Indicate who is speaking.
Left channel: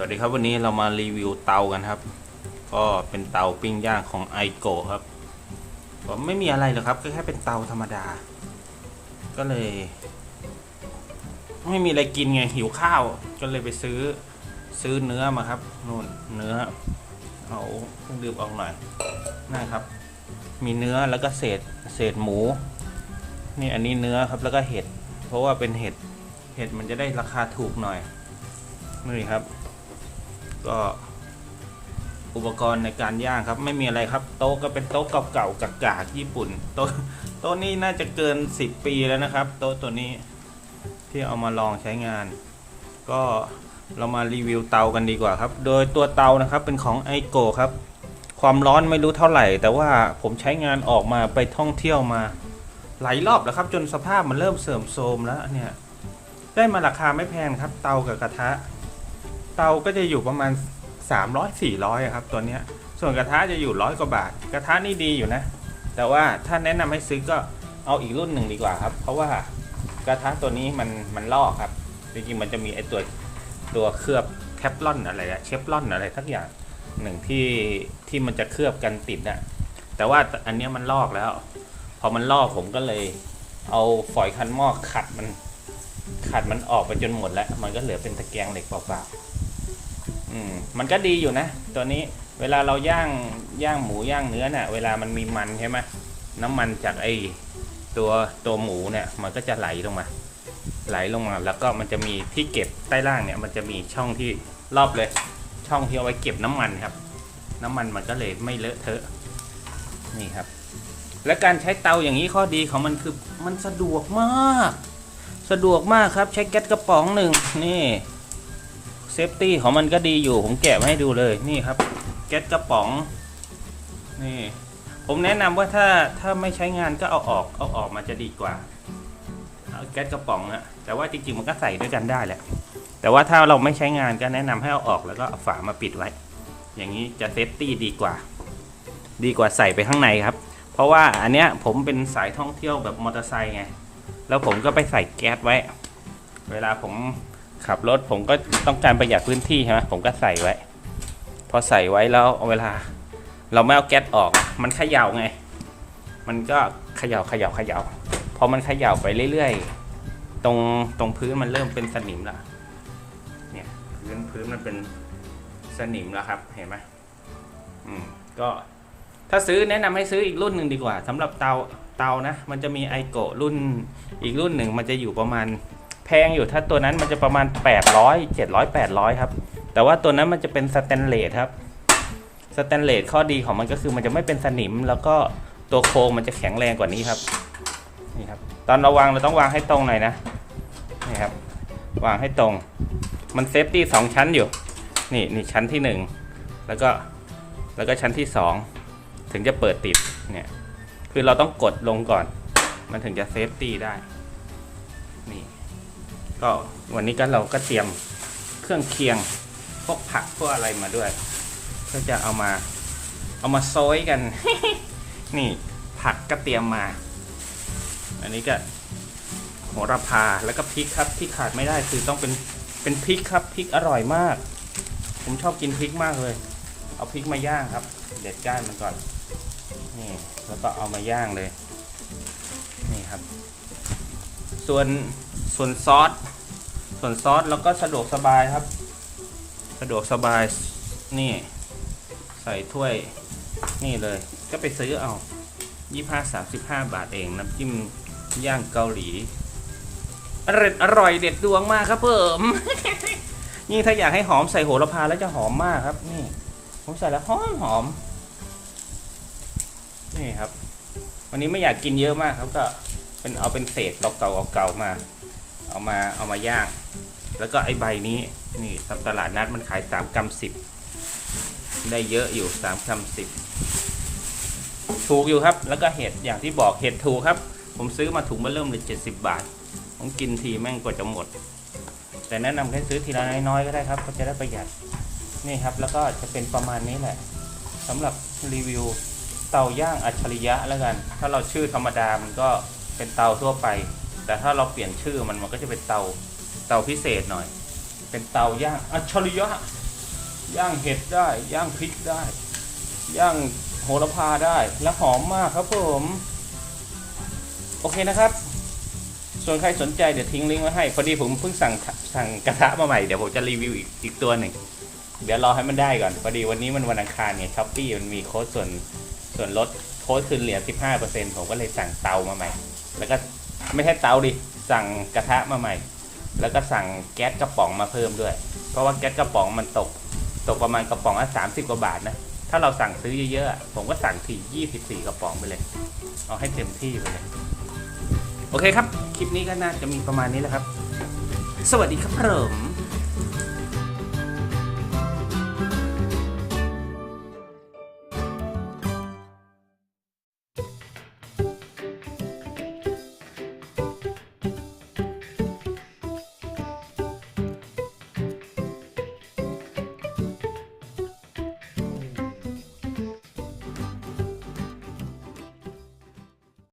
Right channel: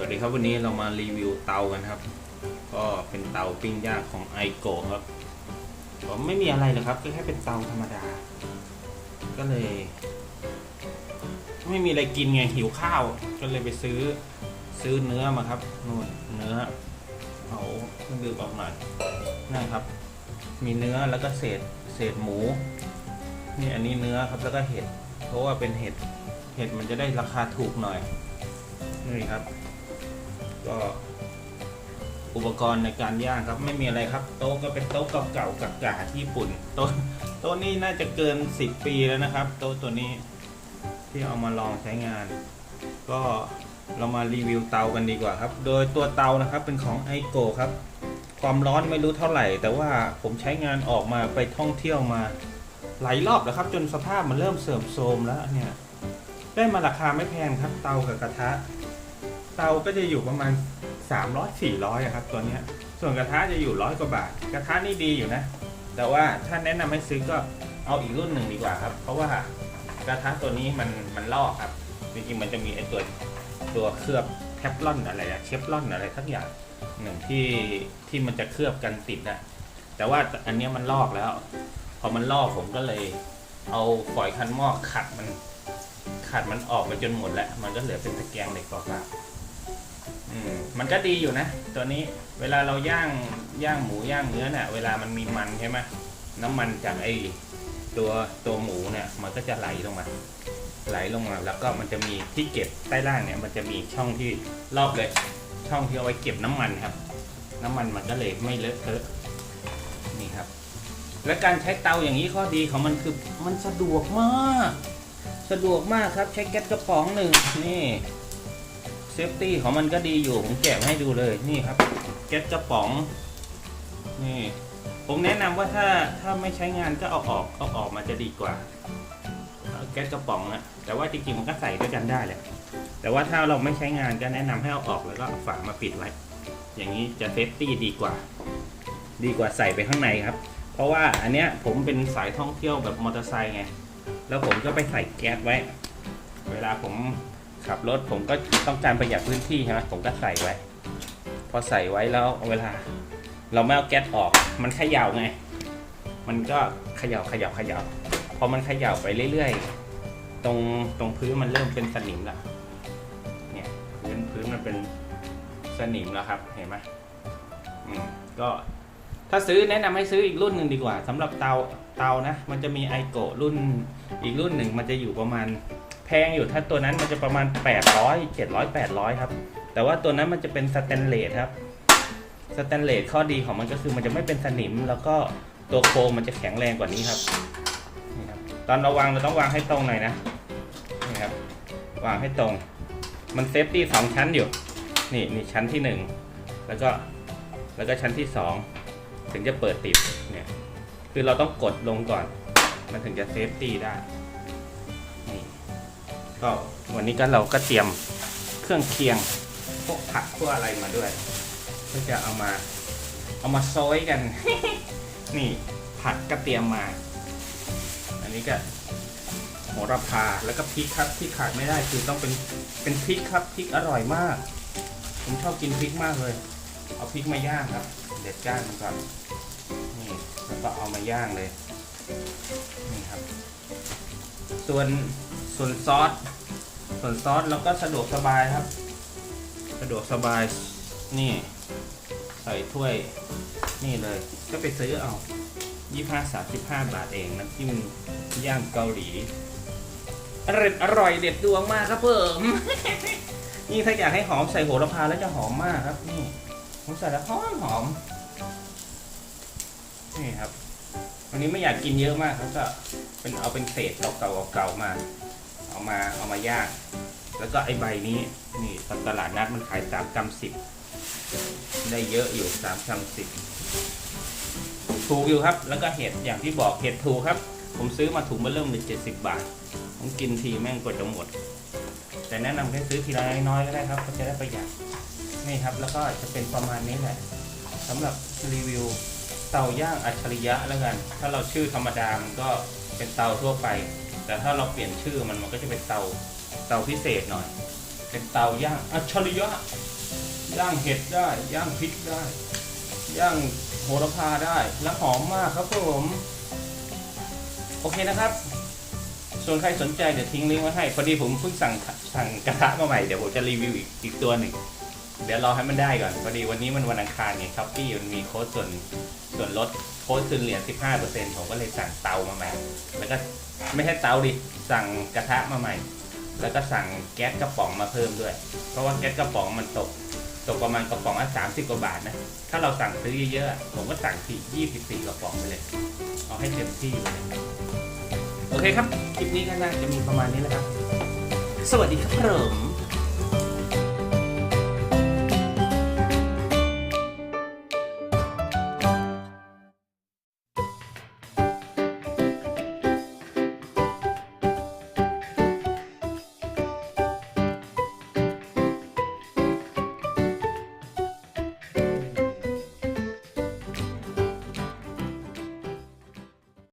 Speaker 1: สวัสดีครับวันนี้เรามารีวิวเตากันครับ ก็เป็นเตาปิ้งย่างของไอโกครับก็ไม่มีอะไรหรอกครับก็แค่เป็นเตาธรรมดา ก็เลย ไม่มีอะไรกินไงหิวข้าว ก็เลยไปซื้อซื้อเนื้อมาครับนู่นเนื้อเอาเครื่องดื่มออกหน่อยนะครับ มีเนื้อแล้วก็เศษเศษหมู นี่อันนี้เนื้อครับแล้วก็เห็ด เพราะว่าเป็นเห็ดเห็ดมันจะได้ราคาถูกหน่อยนี่ครับ ก็ อุปกรณ์ในการย่างครับ ไม่มีอะไรครับ โต๊ะก็เป็นโต๊ะเก่าๆกากๆญี่ปุ่นโต๊ะโต๊ะนี้น่าจะเกิน 10 ปีแล้วนะครับ โต๊ะตัวนี้ที่เอามาลองใช้งาน ก็เรามารีวิวเตากันดีกว่าครับ โดยตัวเตานะครับเป็นของไอโกครับ ความร้อนไม่รู้เท่าไหร่ แต่ว่าผมใช้งานออกมาไปท่องเที่ยวมาหลายรอบแล้วครับ จนสภาพมันเริ่มเสื่อมโทรมแล้วเนี่ย ได้มาราคาไม่แพงครับ เตากับกระทะ เตาก็จะอยู่ประมาณ 300 400อะครับตัวเนี้ยส่วนกระทะจะอยู่ร้อยกว่าบาท กระทะนี่ดีอยู่นะ แต่ว่าถ้าแนะนำให้ซื้อก็เอาอีกรุ่นหนึ่งดีกว่าครับ เพราะว่ากระทะตัวนี้มันมันลอกครับ จริงๆมันจะมีไอตัวตัวเคลือบแทฟลอนอะไรอะเชฟลอนอะไรทักอย่างหนึ่งที่ที่มันจะเคลือบกันติดอะแต่ว่าอันนี้มันลอกแล้ว พอมันลอกผมก็เลยเอาฝอยคันหม้อขัดมันขัดมันออกไปจนหมดแล้ว มันก็เหลือเป็นตะแกรงเหล็กเปล่าๆ อืมมันก็ดีอยู่นะ ตัวนี้เวลาเราย่างย่างหมูย่างเนื้อเนี่ยเวลามันมีมันใช่ไหมน้ำมันจากไอ้ตัวตัวหมูเนี่ยมันก็จะไหลลงมา ไหลลงมาแล้วก็มันจะมีที่เก็บใต้ล่างเนี่ย มันจะมีช่องที่รอบเลย ช่องที่เอาไว้เก็บน้ำมันครับ น้ำมันมันก็เลยไม่เลอะเทอะนี่ครับ และการใช้เตาอย่างนี้ข้อดีของมันคือมันสะดวกมาก สะดวกมากครับ ใช้แก๊สกระป๋องหนึ่งนี่ ซฟตี้ของมันก็ดีอยู่ ผมแกะให้ดูเลยนี่ครับแก๊สกระป๋องนี่ผมแนะนำว่าถ้าถ้าไม่ใช้งานก็เอาออกเอาออกมาจะดีกว่าเอาแก๊สกระป๋องนะแต่ว่าจริงๆมันก็ใส่ด้วยกันได้แหละแต่ว่าถ้าเราไม่ใช้งานก็แนะนำให้เอาออกแล้วก็เอาฝามาปิดไว้ อย่างนี้จะเซฟตี้ดีกว่า ดีกว่าใส่ไปข้างในครับ เพราะว่าอันเนี้ยผมเป็นสายท่องเที่ยวแบบมอเตอร์ไซค์ไงแล้วผมก็ไปใส่แก๊สไว้ เวลาผม ขับรถผมก็ต้องการประหยัดพื้นที่ใช่ไหมผมก็ใส่ไว้ พอใส่ไว้แล้วเวลา เราไม่เอาแก๊สออก มันเขย่าไง มันก็เขย่าเขย่าเขย่าพอมันเขย่าไปเรื่อยๆ ตรงตรงพื้นมันเริ่มเป็นสนิมละเนี่ยพื้นพื้นมันเป็นสนิมแล้วครับ เห็นไหมอืมก็ถ้าซื้อแนะนำให้ซื้ออีกรุ่นหนึ่งดีกว่าสำหรับเตาเตานะ มันจะมีไอโกรุ่นอีกรุ่นหนึ่งมันจะอยู่ประมาณ แพงอยู่ถ้าตัวนั้นมันจะประมาณ 800 700 800 ครับ แต่ว่าตัวนั้นมันจะเป็นสแตนเลสครับสแตนเลสข้อดีของมันก็คือมันจะไม่เป็นสนิม แล้วก็ตัวโครงมันจะแข็งแรงกว่านี้ครับนี่ครับ ตอนเราวางเราต้องวางให้ตรงหน่อยนะนี่ครับ วางให้ตรง มันเซฟตี้สองชั้นอยู่ นี่นี่ชั้นที่หนึ่งแล้วก็แล้วก็ชั้นที่สองถึงจะเปิดติดเนี่ยคือเราต้องกดลงก่อน มันถึงจะเซฟตี้ได้นี่ ก็วันนี้ก็เราก็เตรียมเครื่องเคียงพวกผักพวกอะไรมาด้วย ก็จะเอามาเอามาโซยกัน นี่ผักก็เตรียมมา อันนี้ก็โหระพาแล้วก็พริกครับที่ขาดไม่ได้คือต้องเป็นเป็นพริกครับพริกอร่อยมาก ผมชอบกินพริกมากเลย เอาพริกมาย่างครับ เด็ดก้านมันก่อนนี่แล้วก็เอามาย่างเลย นี่ครับ ส่วน ส่วนซอสส่วนซอสเราก็สะดวกสบายครับ สะดวกสบายนี่ ใส่ถ้วยนี่เลย ก็ไปซื้อเอายี่ห้าสามสิบห้าบาทเองน้ำจิ้มย่างเกาหลีอร่อยอร่อยเด็ดดวงมากครับเพิ่ม นี่ถ้าอยากให้หอมใส่โหระพาแล้วจะหอมมากครับ นี่ ผมใส่แล้วหอมหอม นี่ครับ วันนี้ไม่อยากกินเยอะมากครับก็เป็นเอาเป็นเศษเก่าๆเก่าๆมา เอามาเอามาย่าง แล้วก็ไอ้ใบนี้นี่ตามตลาดนัดมันขายสามกรัมสิบได้เยอะอยู่สามกรัมสิบถูกอยู่ครับ แล้วก็เห็ดอย่างที่บอกเห็ดถูกครับ ผมซื้อมาถุงมาเริ่มเลยเจ็ดสิบบาท ผมกินทีแม่งกว่าจะหมด แต่แนะนำให้ซื้อทีละน้อยๆก็ได้ครับก็จะได้ประหยัดนี่ครับ แล้วก็จะเป็นประมาณนี้แหละสำหรับรีวิวเตาย่างอัจฉริยะแล้วกัน ถ้าเราชื่อธรรมดามันก็เป็นเตาทั่วไป แต่ถ้าเราเปลี่ยนชื่อมันมันก็จะเป็นเตาเตาพิเศษหน่อย เป็นเตาย่างอัจฉริยะย่างเห็ดได้ย่างพริกได้ ย่างโหระพาได้และหอมมากครับผมโอเคนะครับ ส่วนใครสนใจเดี๋ยวทิ้งลิงก์ไว้ให้ พอดีผมเพิ่งสั่งสั่งกระทะมาใหม่เดี๋ยวผมจะรีวิวอีกอีกตัวหนึ่งเดี๋ยวรอให้มันได้ก่อนพอดีวันนี้มันวันอังคารไงช้อปปี้มันมีโค้ดส่วนส่วนลดโค้ดคืนเหรียญ15%ผมก็เลยสั่งเตามาใหม่ แล้วก็ ไม่ใช่เตาดิสั่งกระทะมาใหม่ แล้วก็สั่งแก๊สกระป๋องมาเพิ่มด้วย เพราะว่าแก๊สกระป๋องมันตก ตกประมาณกระป๋องละสามสิบกว่าบาทนะถ้าเราสั่งซื้อเยอะๆผมก็สั่งทียี่สิบสี่กระป๋องไปเลย เอาให้เต็มที่ไปเลยโอเคครับ คลิปนี้ก็น่าจะมีประมาณนี้แหละครับ สวัสดีครับผม